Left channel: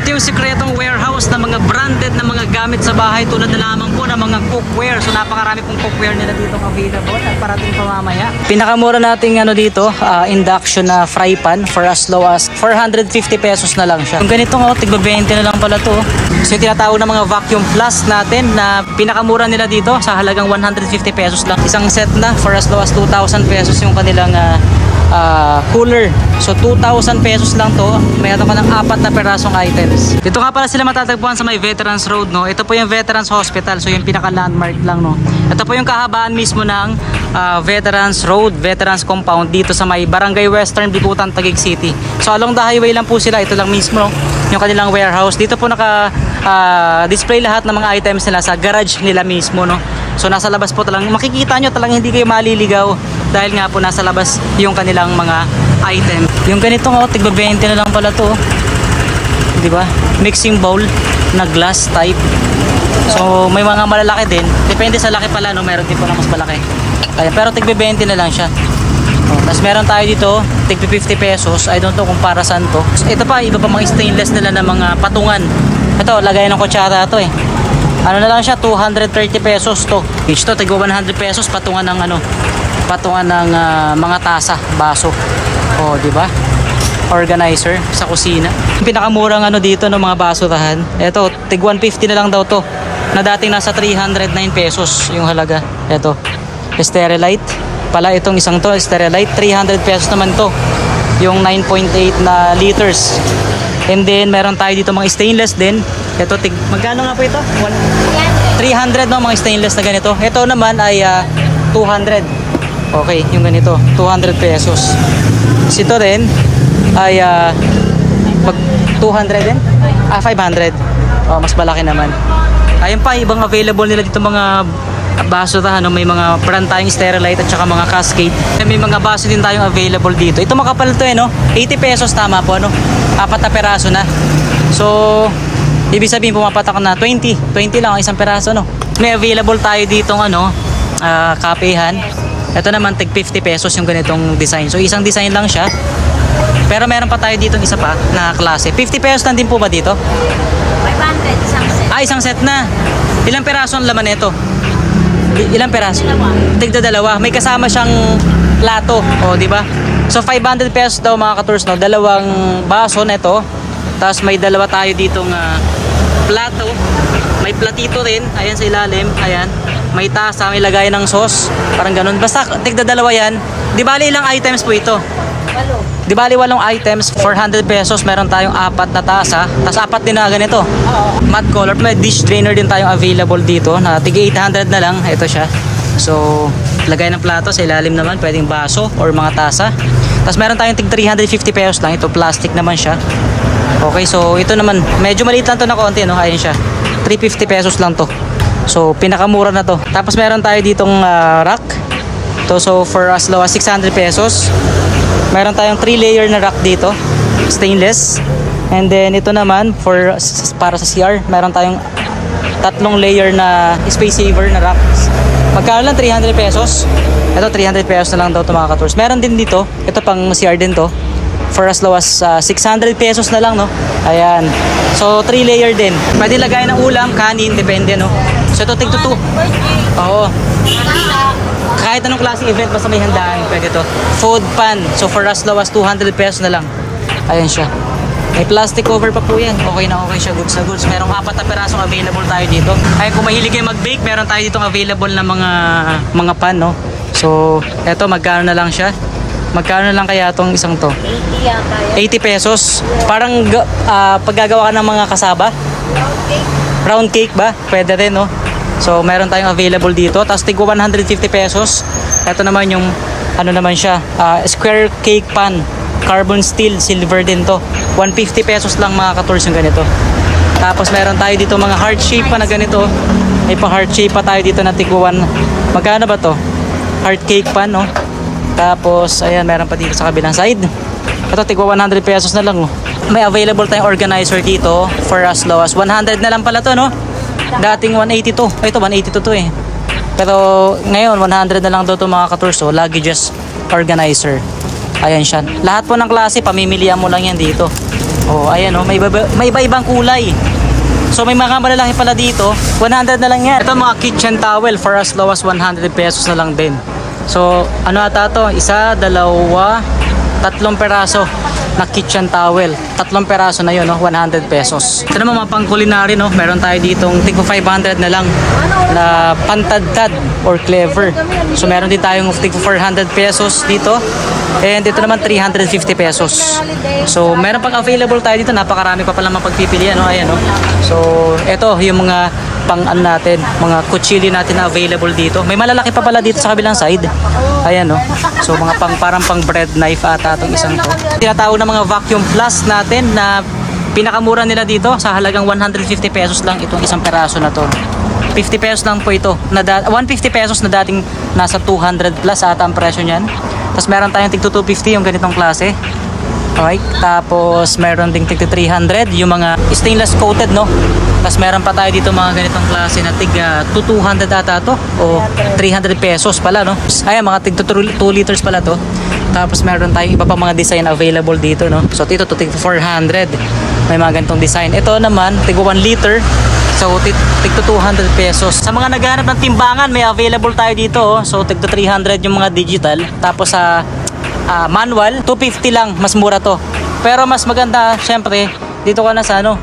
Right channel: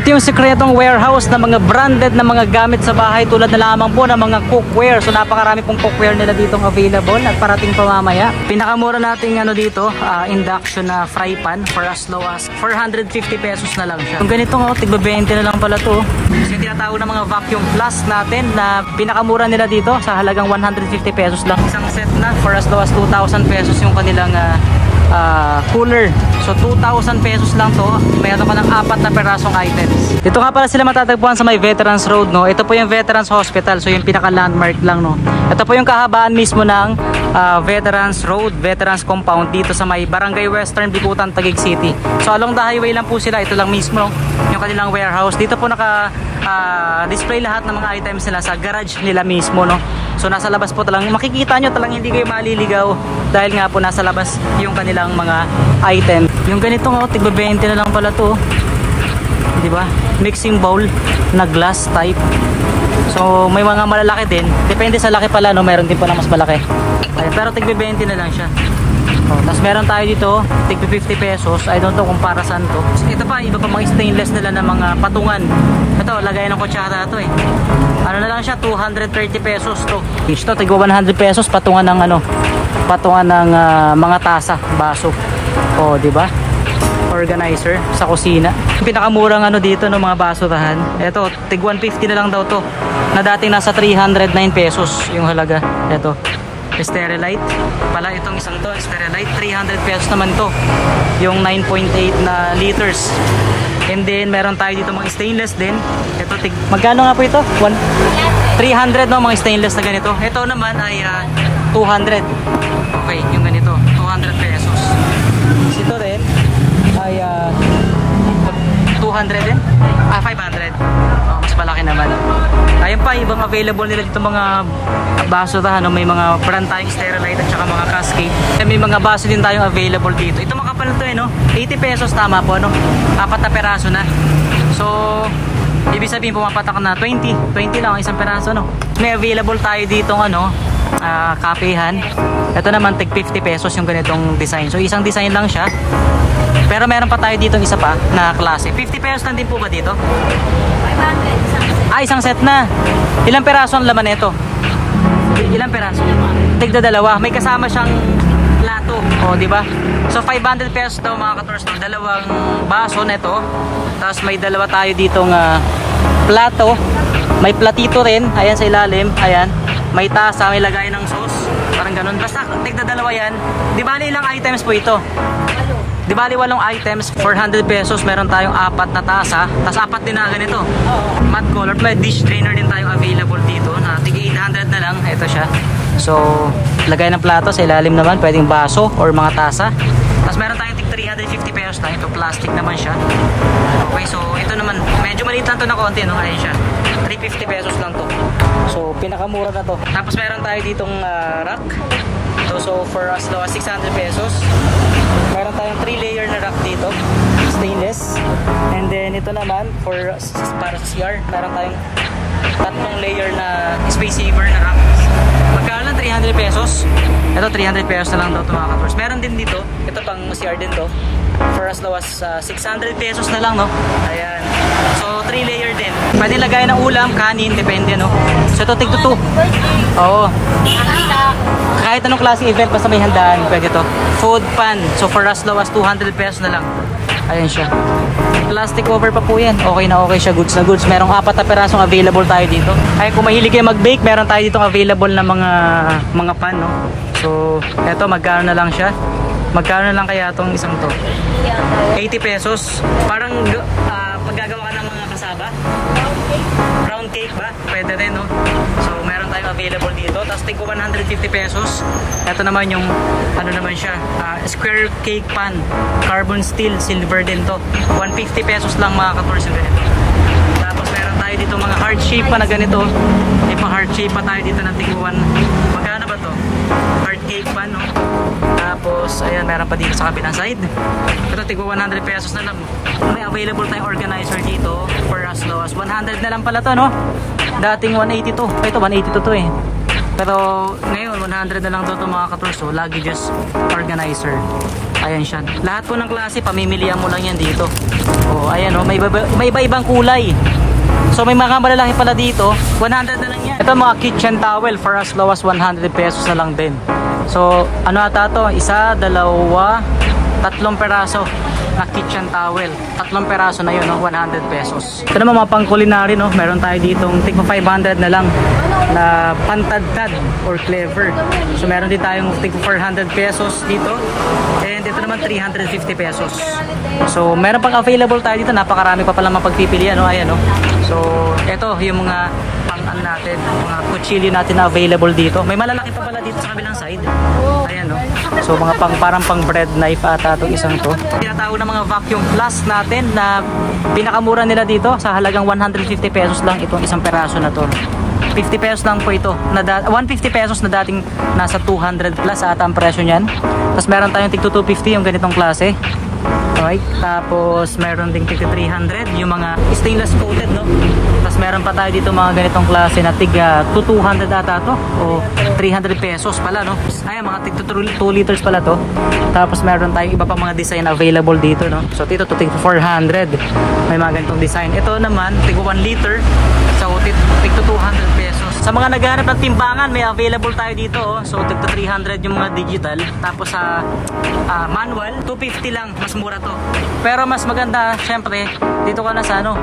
Ito yung sikretong warehouse na mga branded na mga gamit sa bahay tulad na lamang po ng mga cookware. So napakarami pong cookware nila ditong available at parating pa mamaya. Pinakamura nating ano dito, induction na fry pan for as low as 450 pesos na lang siya. Yung ganito nga, tigba 20 na lang pala to. So yung tinatawag na mga vacuum flask natin na pinakamura nila dito sa halagang 150 pesos lang. Isang set na for as low as 2,000 pesos yung kanilang cooler. So 2,000 pesos lang to. Mayroon ka ng 4 na perasong items. Dito nga pala sila matatagpuan sa may Veterans Road, no. Ito po yung Veterans Hospital. So yung pinaka landmark lang, no. Ito po yung kahabaan mismo ng Veterans Road, Veterans Compound dito sa may Barangay Western, Bicutan, Taguig City. So along the highway lang po sila. Ito lang mismo, no, yung kanilang warehouse. Dito po naka display lahat ng mga items nila sa garage nila mismo, no. So nasa labas po talang makikita nyo, talang hindi kayo maliligaw dahil nga po nasa labas yung kanilang mga item. Yung ganito nga, tigba 20 na lang pala to, di ba? Mixing bowl na glass type. So may mga malalaki din, depende sa laki pala, no. Meron din po na mas malaki. Kaya, pero tigba 20 na lang siya. Tapos meron tayo dito tigba 50 pesos. I don't know kung para saan to. Ito pa, iba pa mga stainless nila na mga patungan. Ito, lagay ng kutsara to eh. Ano na lang siya, 230 pesos to. Each to, tigwa 100 pesos, patungan ng ano, patungan ng mga tasa, baso. O, di ba? Organizer sa kusina. Yung pinakamurang ano dito no, mga basurahan. Ito, tig 150 na lang daw to. Na dating nasa 309 pesos yung halaga. Ito, Sterilite. Pala itong isang to, Sterilite, 300 pesos naman to. Yung 9.8 na liters. And then meron tayo dito mga stainless din. Ito, magkano nga po ito? 300 no, mga stainless na ganito. Ito naman ay 200. Okay, yung ganito, 200 pesos. Ito rin ay 200 din? 500. Oh, mas malaki naman. Ayun pa, ibang available nila dito mga basurahan, no? May mga brand tayong Sterilite at saka mga Cascade. May mga baso din tayong available dito. Ito makapal to eh, no? 80 pesos tama po, no? 4 na peraso na. So ibig sabihin pumapatak na 20 lang ang isang peraso, no. May available tayo ditong ano, kapehan. Ito naman tig 50 pesos yung ganitong design. So isang design lang siya. Pero meron pa tayo ditong isa pa na klase. 50 pesos lang din po ba dito? 500 isang set. Isang set na. Ilang peraso ang laman nito? Ilang peraso? Tigda dalawa. May kasama siyang plato, o di ba? So 500 pesos daw mga ka-tours, no. Dalawang baso nito. Tapos may dalawa tayo ditong plato. May platito rin. Ayan sa ilalim. Ayan. May tasa. May lagay ng sauce. Parang ganun. Basta tigda dalawa yan. Di bali ilang items po ito? Di bali 8 items. 400 pesos. Meron tayong 4 na tasa. Tapos 4 din na ganito. Matte color. May dish drainer din tayong available dito. Na tig 800 na lang. Ito siya. So lagay ng plato. Sa ilalim naman pwedeng baso or mga tasa. Tapos meron tayong tig 350 pesos lang. Ito plastic naman siya. Okay, so ito naman, medyo maliit lang to na konti, no? Ayun siya, 350 pesos lang to. So pinakamura na to. Tapos meron tayo ditong rack to, so for as low as 600 pesos. Meron tayong 3 layer na rack dito, stainless. And then ito naman para sa CR, meron tayong 3 layer na space saver na rack. Magkano lang? 300 pesos. Ito 300 pesos na lang daw to mga ka-tours. Meron din dito, ito pang CR din to, for as low as 600 pesos na lang, no. Ayan. So 3 layer din. Pwede lagay ng ulam, kanin, depende, no. So ito tig 2. Oo. Kahit anong klase event basta may handaan, pwede to. Food pan. So for as low as 200 pesos na lang. Ayan siya. May plastic cover pa po yan. Okay na okay siya. Goods and goods. Merong 4 na perasong available tayo dito. Ay kung mahilig kayo mag-bake, meron tayo ditong available na mga pan, no. So eto, magkano na lang siya? Magkano na lang kaya itong isang to? 80 pesos. Parang paggagawa ka ng mga kasaba. Round cake ba? Pwede rin, no? So meron tayong available dito. Tapos tigwa 150 pesos. Ito naman yung ano naman siya, square cake pan, carbon steel, silver din to. 150 pesos lang mga ka-tours yung ganito. Tapos meron tayo dito mga heart shape pa na ganito. May pa heart shape pa tayo dito na tigwa 1. Magkano ba to? Heart cake pan, no? Tapos ayan, meron pa dito sa kabilang side. Ito tigwa 100 pesos na lang, oh. May available tayong organizer dito for as low as 100 na lang pala to, no? Dating 182. Ito 182 to eh. Pero ngayon 100 na lang daw to mga ka-tours, so luggages organizer. Ayan siya. Lahat po ng klase pamimilihan mo lang yan dito. Oh, ayan oh, may iba-ibang kulay. So may mga malalaki pala dito, 100 na lang yan. Ito mga kitchen towel for as low as 100 pesos na lang din. So ano ata to? Isa, dalawa, tatlong peraso na kitchen towel. Tatlong peraso na yun, no? 100 pesos. Ito naman mga pang culinary, no? Meron tayo ditong tig 500 na lang na pantadtad or clever. So meron din tayong tig 400 pesos dito. And ito naman 350 pesos. So meron pang available tayo dito. Napakarami pa pala mapagpipilian, no? Ayan, no? So ito yung mga pang natin, mga kutsilyo natin na available dito. May malalaki pa pala dito sa kabilang side. Ayan, no? So mga parang pang bread knife ata itong isang to. Tinatawag na mga vacuum plus natin na pinakamura nila dito sa halagang 150 pesos lang itong isang peraso na to. 50 pesos lang po ito. 150 pesos na dating nasa 200 plus ata ang presyo niyan. Tapos meron tayong tig 250 yung ganitong klase. Okay, tapos meron ding tig 300 yung mga stainless coated, no? Tapos meron pa tayo dito mga ganitong klase na tig 200 ata to o 300 pesos pala, no? Ayan, mga tig 2 liters pala to. Tapos meron tayong iba pa mga design available dito, no? So dito to tig 400. May mga ganitong design. Ito naman tig 1 liter. So tig 200 pesos. Sa mga naghahanap ng timbangan, may available tayo dito, oh. So tig 300 yung mga digital. Tapos sa manual, 250 lang, mas mura to. Pero mas maganda, syempre, dito ka na sa ano,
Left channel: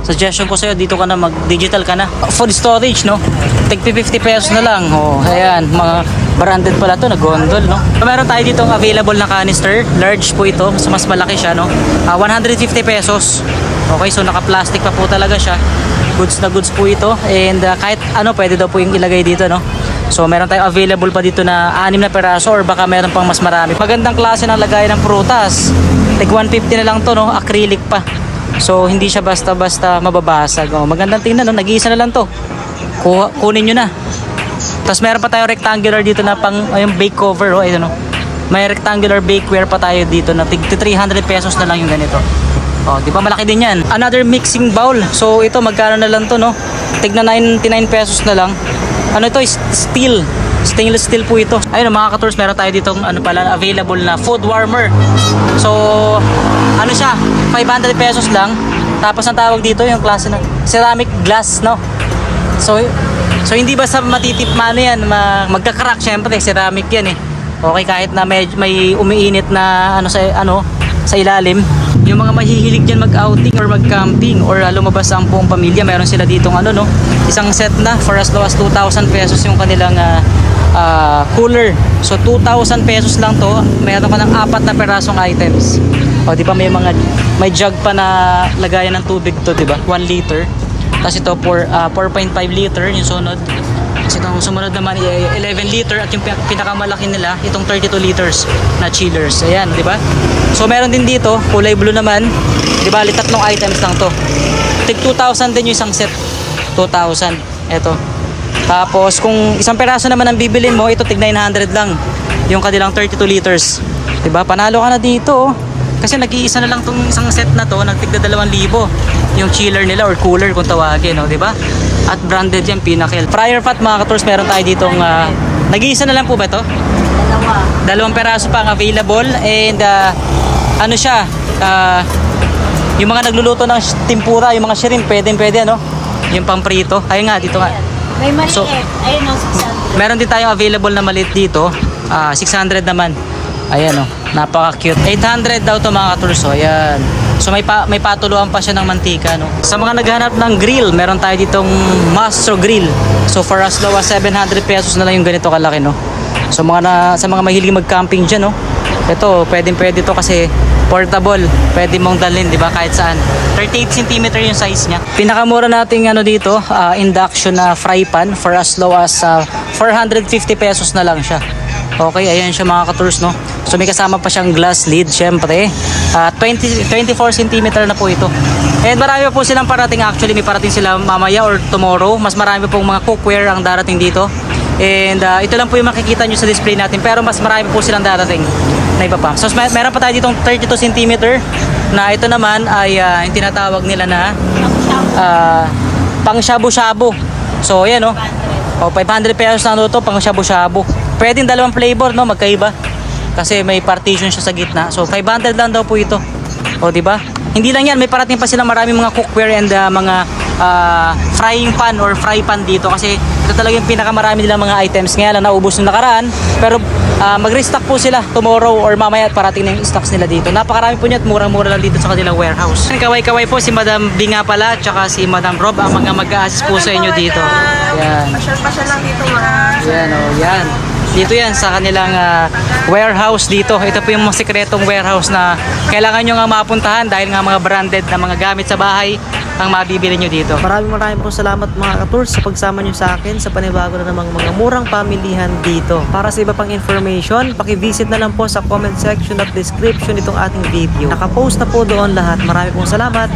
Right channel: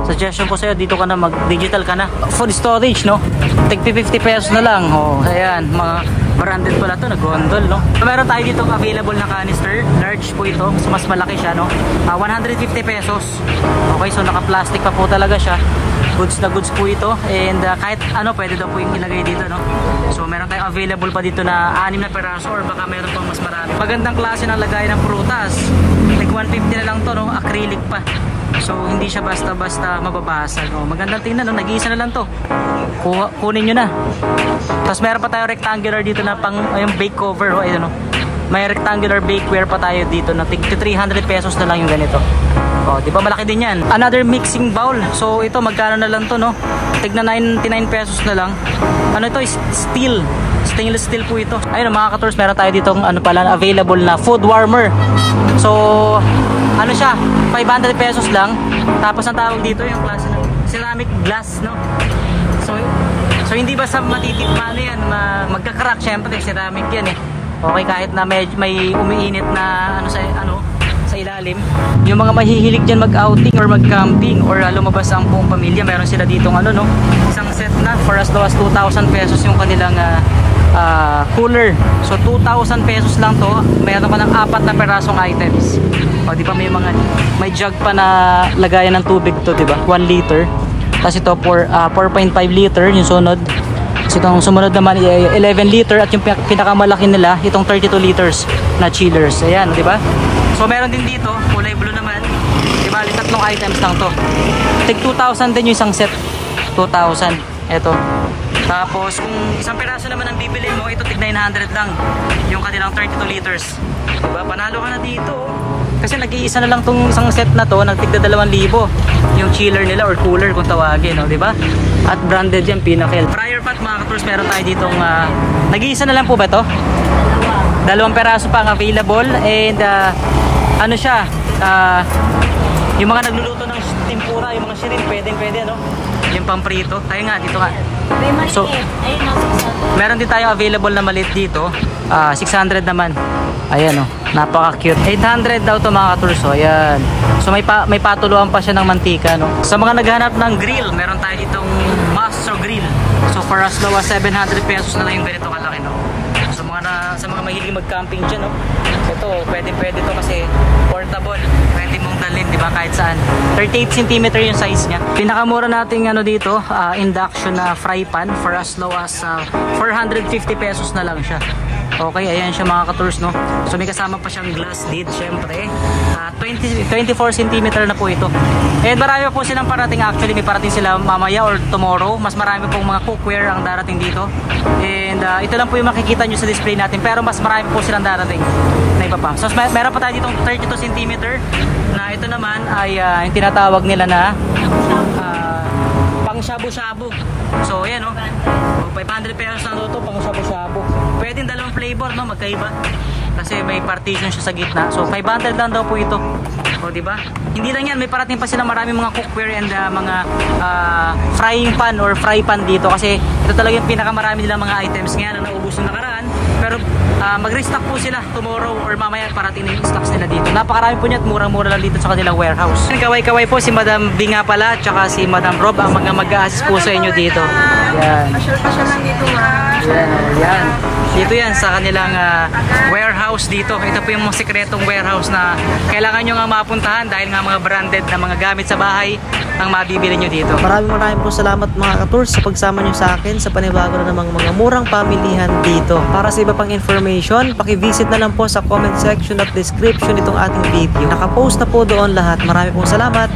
suggestion ko sa'yo, dito ka na mag-digital ka na. Food storage, no? Tig 50 pesos na lang. Oh, ayan, mga branded pala to, nag-gondol, no? So, meron tayo ditong available na canister, large po ito, so mas malaki siya, no? 150 pesos. Okay, so naka-plastic pa po talaga siya. Goods na goods po ito, and kahit ano, pwede daw po yung ilagay dito, no? So meron tayong available pa dito na 6 na peraso or baka meron pang mas marami. Magandang klase ng lagayan ng prutas. Like 150 na lang to, no? Acrylic pa. So hindi siya basta-basta mababasag. Oh, magandang tingnan, no? Nag-iisa na lang to. Kunin nyo na. Tapos meron pa tayong rectangular dito na pang yung bake cover, oh, ayun, no? May rectangular bakeware pa tayo dito na tig 300 pesos na lang yung ganito. Oh, di ba malaki din 'yan. Another mixing bowl. So ito magkano na lang to, no? Tig na 99 pesos na lang. Ano ito? Steel. Stainless steel po ito. Ayun mga ka-tours, meron tayo ditong ano pala available na food warmer. So ano siya? 500 pesos lang. Tapos ang tawag dito yung klase na ceramic glass, no? So hindi basta matitip mano yan, magka-crack, syempre ceramic yan eh. Okay, kahit na may umiinit na sa ilalim, yung mga mahihilig dyan mag-outing or mag-camping or lumabas ang buong pamilya, meron sila ditong isang set na for as low as 2,000 pesos yung kanilang cooler. So 2,000 pesos lang to, meron ka ng 4 na perasong items. O di ba may jug pa na lagayan ng tubig to, di ba? 1 liter. Tapos ito 4.5 liter yung sunod. So itong sumunod naman 11 liter at yung pinakamalaki nila itong 32 liters na chillers. Ayan, di ba? So meron din dito, kulay blue naman. Di ba, tatlong items lang to. Tig 2,000 din yung isang set. 2,000. Ito. Tapos kung isang peraso naman ang bibilin mo, ito tig 900 lang. Yung kanilang 32 liters. Di ba? Panalo ka na dito, oh. Kasi nag-iisa na lang tong isang set na to, nagtigda 2,000 yung chiller nila or cooler kung tawagin, no, di ba? At branded yan, Pinnacle. Fryer pot mga ka-tours, meron tayo ditong nag-iisa na lang po ba to? 2 peraso pa ang available and ano siya, yung mga nagluluto ng tempura, yung mga shrimp, pwede, no? Yung pamprito. Ayun nga, dito nga. May maliit. So, Ayun, meron din tayong available na maliit dito. 600 naman. Ayan, oh. Napaka-cute. 800 daw to mga ka-tours. So, ayan. So, may patuluan pa siya ng mantika, no? Sa mga naghahanap ng grill, meron tayo ditong Mastro Grill. So, for as low as 700 pesos na lang yung ganito kalaki, no? So, sa mga mahilig mag-camping dyan, no? Ito, pwede to kasi portable. Pwede mong dalhin, di ba? Kahit saan. 38 cm yung size niya. Pinakamura nating dito, induction na fry pan for as low as 450 pesos na lang siya. Okay, ayan siya mga ka-tours, no? So may kasama pa siyang glass lid, syempre. 24 cm na po ito. And marami po silang parating, actually may parating sila mamaya or tomorrow. Mas marami pong mga cookware ang darating dito. And ito lang po yung makikita nyo sa display natin, pero mas marami po silang darating na iba pa. So meron pa tayo ditong 32 cm na ito naman ay yung tinatawag nila na pang shabu-shabu. So ayan, no? O 500 pesos na to pang shabu-shabu. Pwedeng 2 flavor, no, magkaiba. Kasi may partition siya sa gitna. So 500 lang daw po ito. O di ba? Hindi lang yan, may parating pa silang maraming mga cookware and mga frying pan or fry pan dito kasi ito talaga yung pinakamarami nilang mga items. Ngayon lang naubos nung nakaraan, pero mag-restock po sila tomorrow or mamaya at parating na yung stocks nila dito. Napakarami po niya at murang-mura lang dito sa kanilang warehouse. Kaway-kaway po si Madam Binga pala tsaka si Madam Rob ang mga mag-a-assist po sa inyo dito. Yan. Pasyal-pasyal lang dito, ha? Yan, oh, yan. Dito yan sa kanilang warehouse dito. Ito po yung mga sekretong warehouse na kailangan nyo nga mapuntahan dahil nga mga branded na mga gamit sa bahay ang mabibili nyo dito. Maraming po salamat mga ka-tours sa pagsama nyo sa akin sa panibago na namang mga murang pamilihan dito. Para sa iba pang information, paki-visit na lang po sa comment section at description itong ating video. Nakapost na po doon lahat. Marami pong salamat.